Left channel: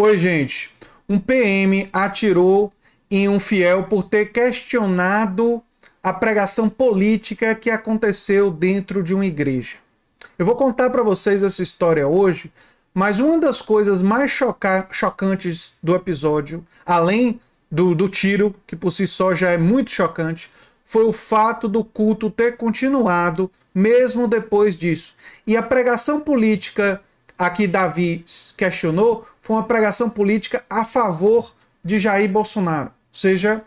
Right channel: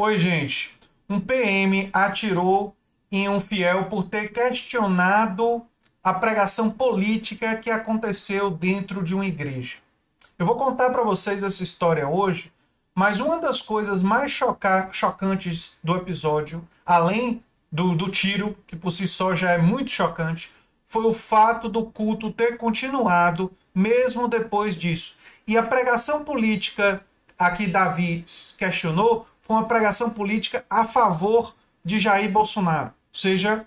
Oi, gente. Um PM atirou em um fiel por ter questionado a pregação política que aconteceu dentro de uma igreja. Eu vou contar para vocês essa história hoje, mas uma das coisas mais chocantes do episódio, além do tiro, que por si só já é muito chocante, foi o fato do culto ter continuado mesmo depois disso. E a pregação política a que Davi questionou foi uma pregação política a favor de Jair Bolsonaro. Ou seja,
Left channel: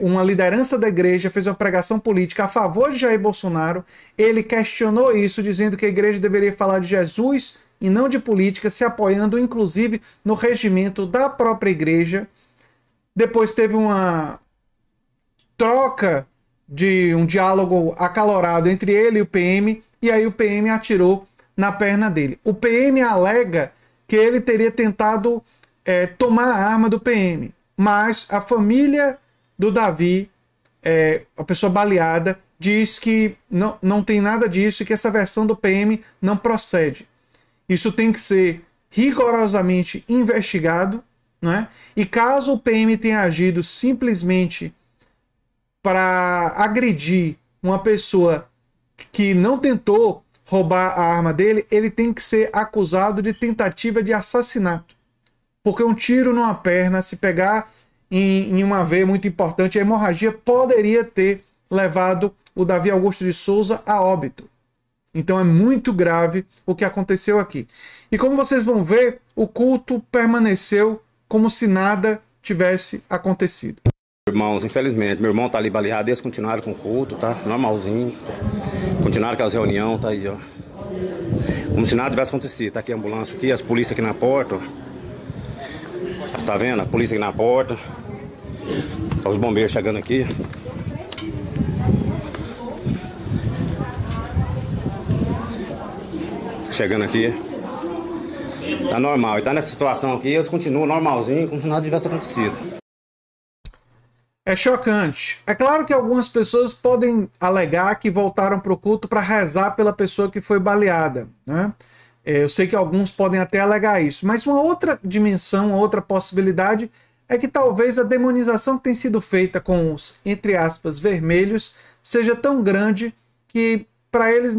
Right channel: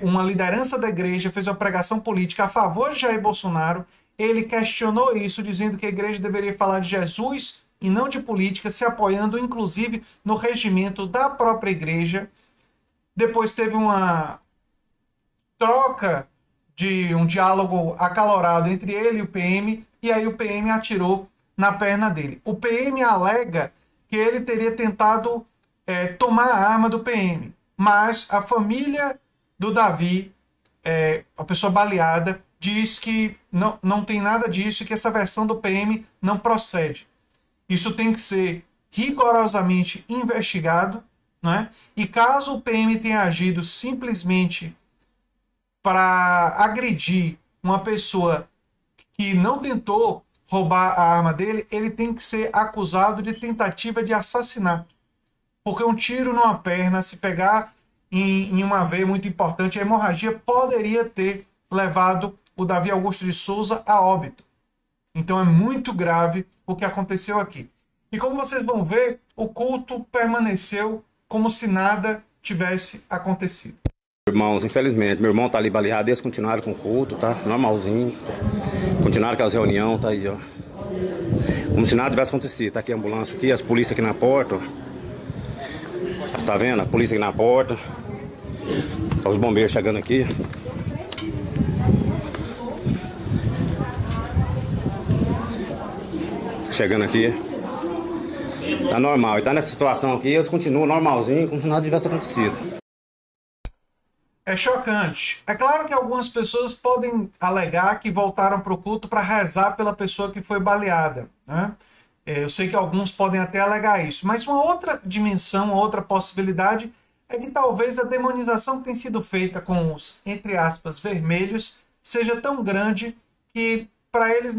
uma liderança da igreja fez uma pregação política a favor de Jair Bolsonaro. Ele questionou isso, dizendo que a igreja deveria falar de Jesus e não de política, se apoiando inclusive no regimento da própria igreja. Depois teve uma troca de um diálogo acalorado entre ele e o PM, e aí o PM atirou na perna dele. O PM alega que ele teria tentado tomar a arma do PM, mas a família do Davi, a pessoa baleada, diz que não tem nada disso e que essa versão do PM não procede. Isso tem que ser rigorosamente investigado, né? E caso o PM tenha agido simplesmente para agredir uma pessoa que não tentou roubar a arma dele, ele tem que ser acusado de tentativa de assassinato. Porque um tiro numa perna, se pegar em uma veia muito importante, a hemorragia poderia ter levado o Davi Augusto de Souza a óbito. Então é muito grave o que aconteceu aqui. E como vocês vão ver, o culto permaneceu como se nada tivesse acontecido. Irmãos, infelizmente, meu irmão tá ali baleado, eles continuaram com o culto, tá? Normalzinho. Continuaram com as reuniões, tá aí, ó. Como se nada tivesse acontecido. Tá aqui a ambulância aqui, as polícias aqui na porta, ó. Tá vendo? A polícia aqui na porta. Tá os bombeiros chegando aqui. Chegando aqui. Tá normal. E tá nessa situação aqui, eles continuam normalzinho, como se nada tivesse acontecido. É chocante. É claro que algumas pessoas podem alegar que voltaram para o culto para rezar pela pessoa que foi baleada, né? Eu sei que alguns podem até alegar isso, mas uma outra dimensão, uma outra possibilidade é que talvez a demonização que tem sido feita com os, entre aspas, vermelhos, seja tão grande que para eles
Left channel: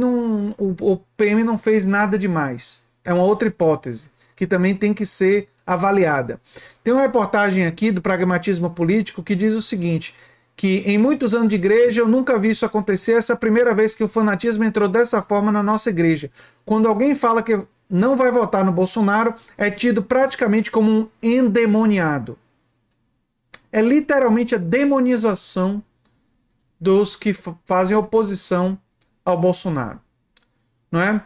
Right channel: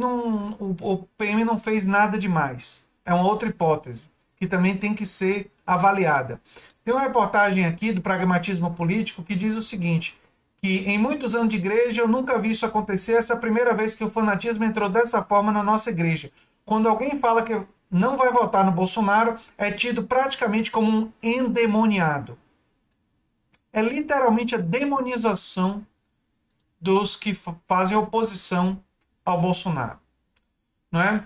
o PM não fez nada demais. É uma outra hipótese que também tem que ser avaliada. Tem uma reportagem aqui do Pragmatismo Político que diz o seguinte, que em muitos anos de igreja eu nunca vi isso acontecer, essa é a primeira vez que o fanatismo entrou dessa forma na nossa igreja. Quando alguém fala que não vai votar no Bolsonaro, é tido praticamente como um endemoniado. É literalmente a demonização dos que fazem oposição ao Bolsonaro. Não é?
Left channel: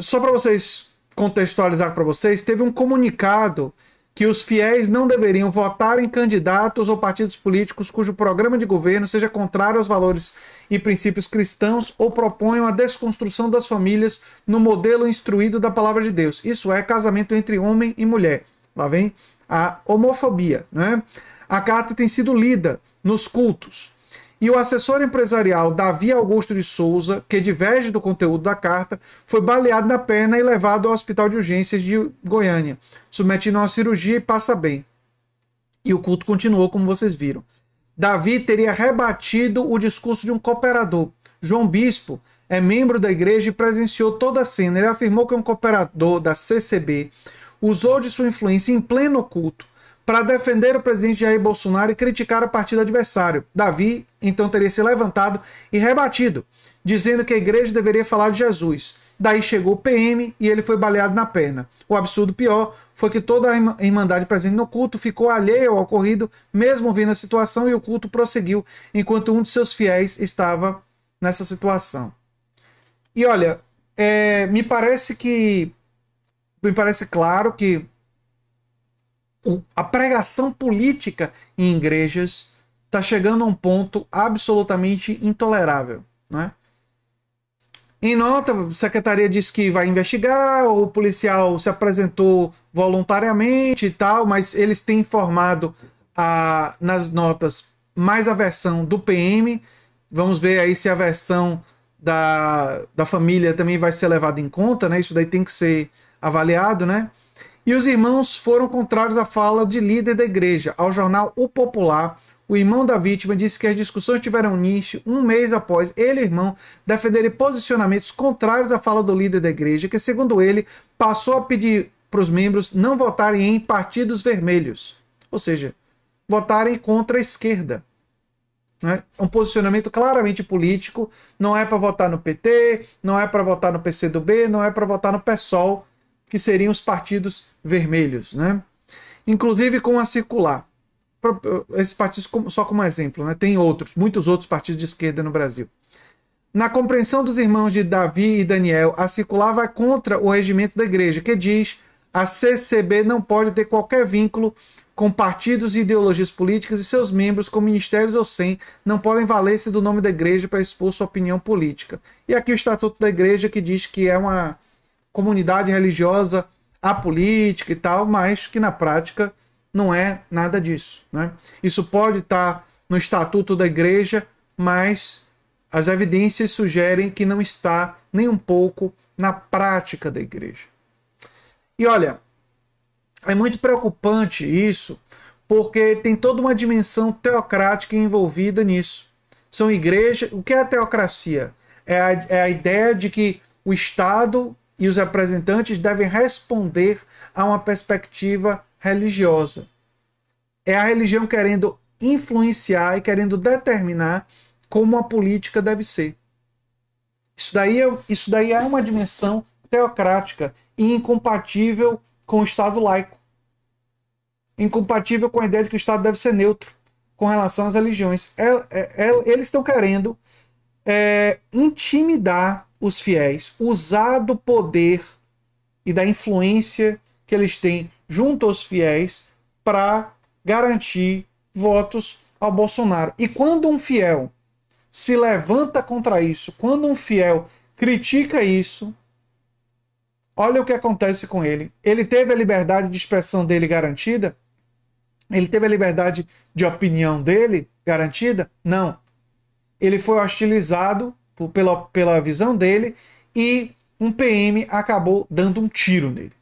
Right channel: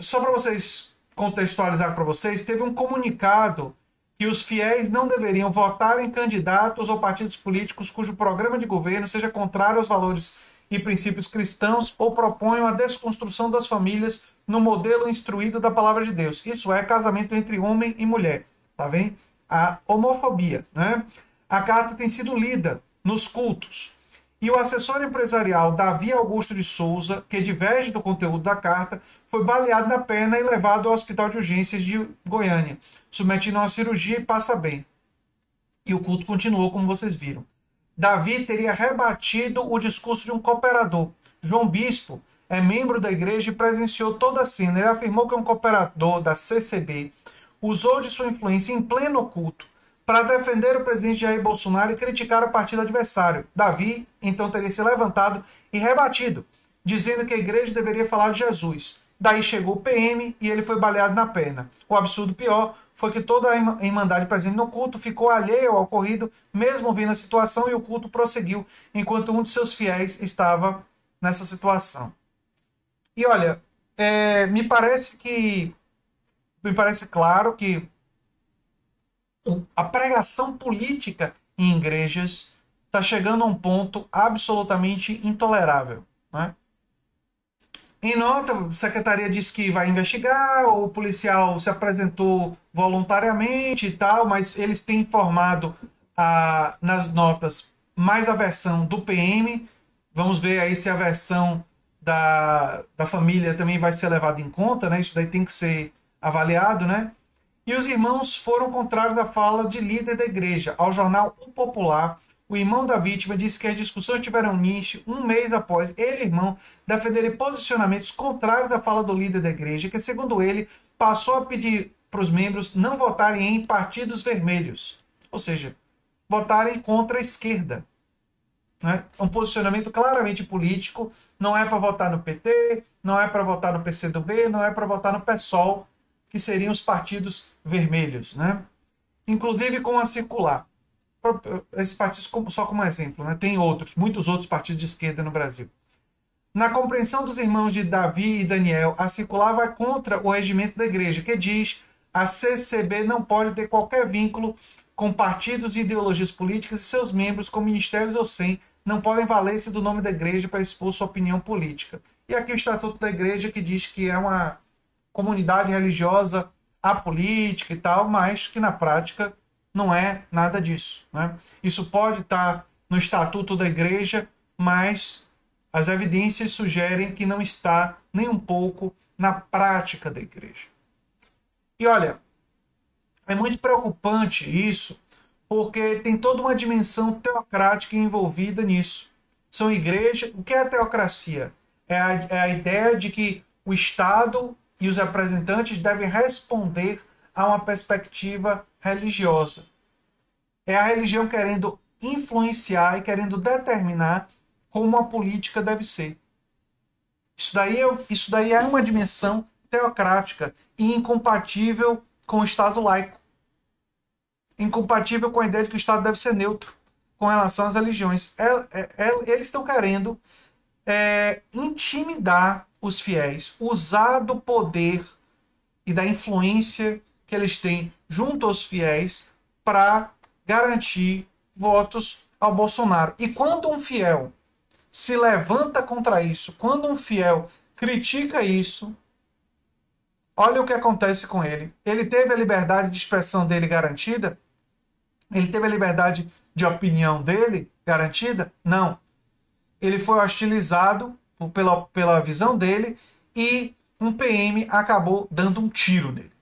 Só para vocês contextualizar para vocês, teve um comunicado que os fiéis não deveriam votar em candidatos ou partidos políticos cujo programa de governo seja contrário aos valores e princípios cristãos ou proponham a desconstrução das famílias no modelo instruído da palavra de Deus. Isso é casamento entre homem e mulher. Lá vem a homofobia, né? A carta tem sido lida nos cultos. E o assessor empresarial Davi Augusto de Souza, que diverge do conteúdo da carta, foi baleado na perna e levado ao hospital de urgências de Goiânia, submetido a uma cirurgia e passa bem. E o culto continuou, como vocês viram. Davi teria rebatido o discurso de um cooperador. João Bispo é membro da igreja e presenciou toda a cena. Ele afirmou que um cooperador da CCB usou de sua influência em pleno culto para defender o presidente Jair Bolsonaro e criticar o partido adversário. Davi, então, teria se levantado e rebatido, dizendo que a igreja deveria falar de Jesus. Daí chegou o PM e ele foi baleado na perna. O absurdo pior foi que toda a irmandade presente no culto ficou alheia ao ocorrido, mesmo vendo a situação, e o culto prosseguiu, enquanto um de seus fiéis estava nessa situação. E olha, me parece claro que a pregação política em igrejas está chegando a um ponto absolutamente intolerável, né? Em nota, a secretaria disse que vai investigar, o policial se apresentou voluntariamente e tal, mas eles têm informado nas notas mais a versão do PM. Vamos ver aí se a versão da família também vai ser levada em conta, né? Isso daí tem que ser avaliado, né? E os irmãos foram contrários à fala de líder da igreja. Ao jornal O Popular, o irmão da vítima disse que as discussões tiveram início um mês após ele e o irmão defenderem posicionamentos contrários à fala do líder da igreja, que, segundo ele, passou a pedir para os membros não votarem em partidos vermelhos. Ou seja, votarem contra a esquerda. Né? Um posicionamento claramente político. Não é para votar no PT, não é para votar no PCdoB, não é para votar no PSOL, que seriam os partidos vermelhos. Né? Inclusive com a circular. Esses partidos só como exemplo, né? Tem outros, muitos outros partidos de esquerda no Brasil. Na compreensão dos irmãos de Davi e Daniel, a circular vai contra o regimento da igreja, que diz: a CCB não pode ter qualquer vínculo com partidos e ideologias políticas e seus membros, com ministérios ou sem, não podem valer-se do nome da igreja para expor sua opinião política. E aqui o Estatuto da Igreja, que diz que é uma comunidade religiosa apolítica e tal, mas que na prática não é nada disso. Né? Isso pode estar no Estatuto da Igreja, mas as evidências sugerem que não está nem um pouco na prática da Igreja. E olha, é muito preocupante isso, porque tem toda uma dimensão teocrática envolvida nisso. São igrejas... O que é a teocracia? É a ideia de que o Estado e os representantes devem responder a uma perspectiva religiosa. É a religião querendo influenciar e querendo determinar como a política deve ser. Isso daí é uma dimensão teocrática e incompatível com o Estado laico. Incompatível com a ideia de que o Estado deve ser neutro com relação às religiões. Eles estão querendo intimidar os fiéis, usar do poder e da influência que eles têm junto aos fiéis para garantir votos ao Bolsonaro. E quando um fiel se levanta contra isso, quando um fiel critica isso, olha o que acontece com ele. Ele teve a liberdade de expressão dele garantida? Ele teve a liberdade de opinião dele garantida? Não. Ele foi hostilizado pela visão dele e um PM acabou dando um tiro nele.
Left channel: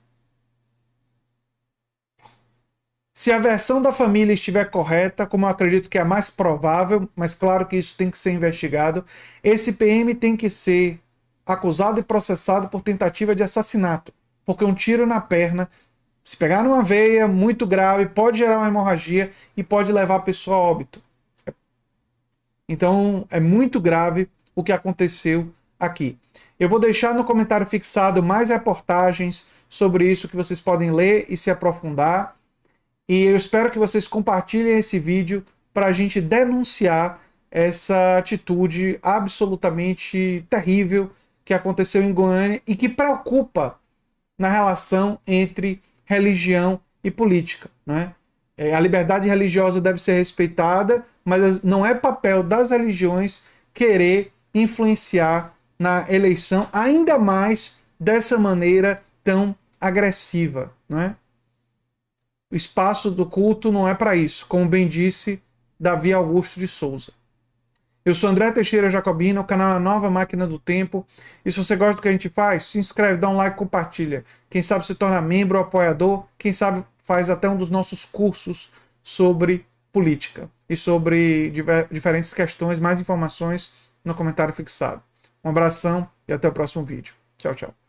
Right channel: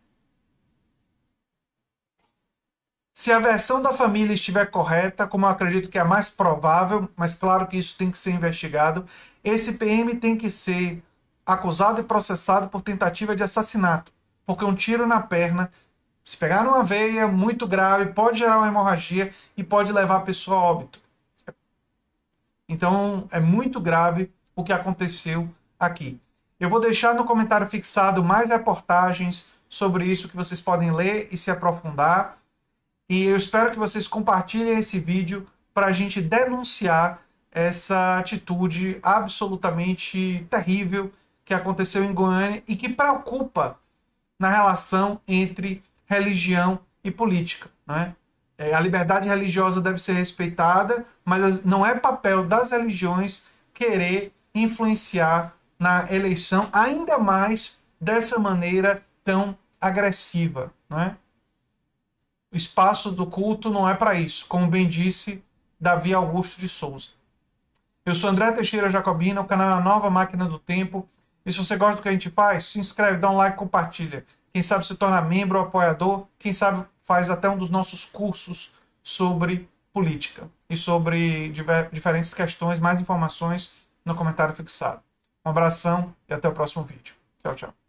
Se a versão da família estiver correta, como eu acredito que é a mais provável, mas claro que isso tem que ser investigado, esse PM tem que ser acusado e processado por tentativa de assassinato, porque um tiro na perna, se pegar numa veia muito grave, pode gerar uma hemorragia e pode levar a pessoa a óbito. Então é muito grave o que aconteceu aqui. Eu vou deixar no comentário fixado mais reportagens sobre isso que vocês podem ler e se aprofundar. E eu espero que vocês compartilhem esse vídeo para a gente denunciar essa atitude absolutamente terrível que aconteceu em Goiânia e que preocupa na relação entre religião e política. Né? A liberdade religiosa deve ser respeitada, mas não é papel das religiões querer influenciar na eleição, ainda mais dessa maneira tão agressiva. Né? O espaço do culto não é para isso, como bem disse Davi Augusto de Souza. Eu sou André Teixeira Jacobina, o canal é a Nova Máquina do Tempo. E se você gosta do que a gente faz, se inscreve, dá um like, compartilha. Quem sabe se torna membro ou apoiador, quem sabe faz até um dos nossos cursos sobre política e sobre diferentes questões, mais informações no comentário fixado. Um abração e até o próximo vídeo. Tchau, tchau.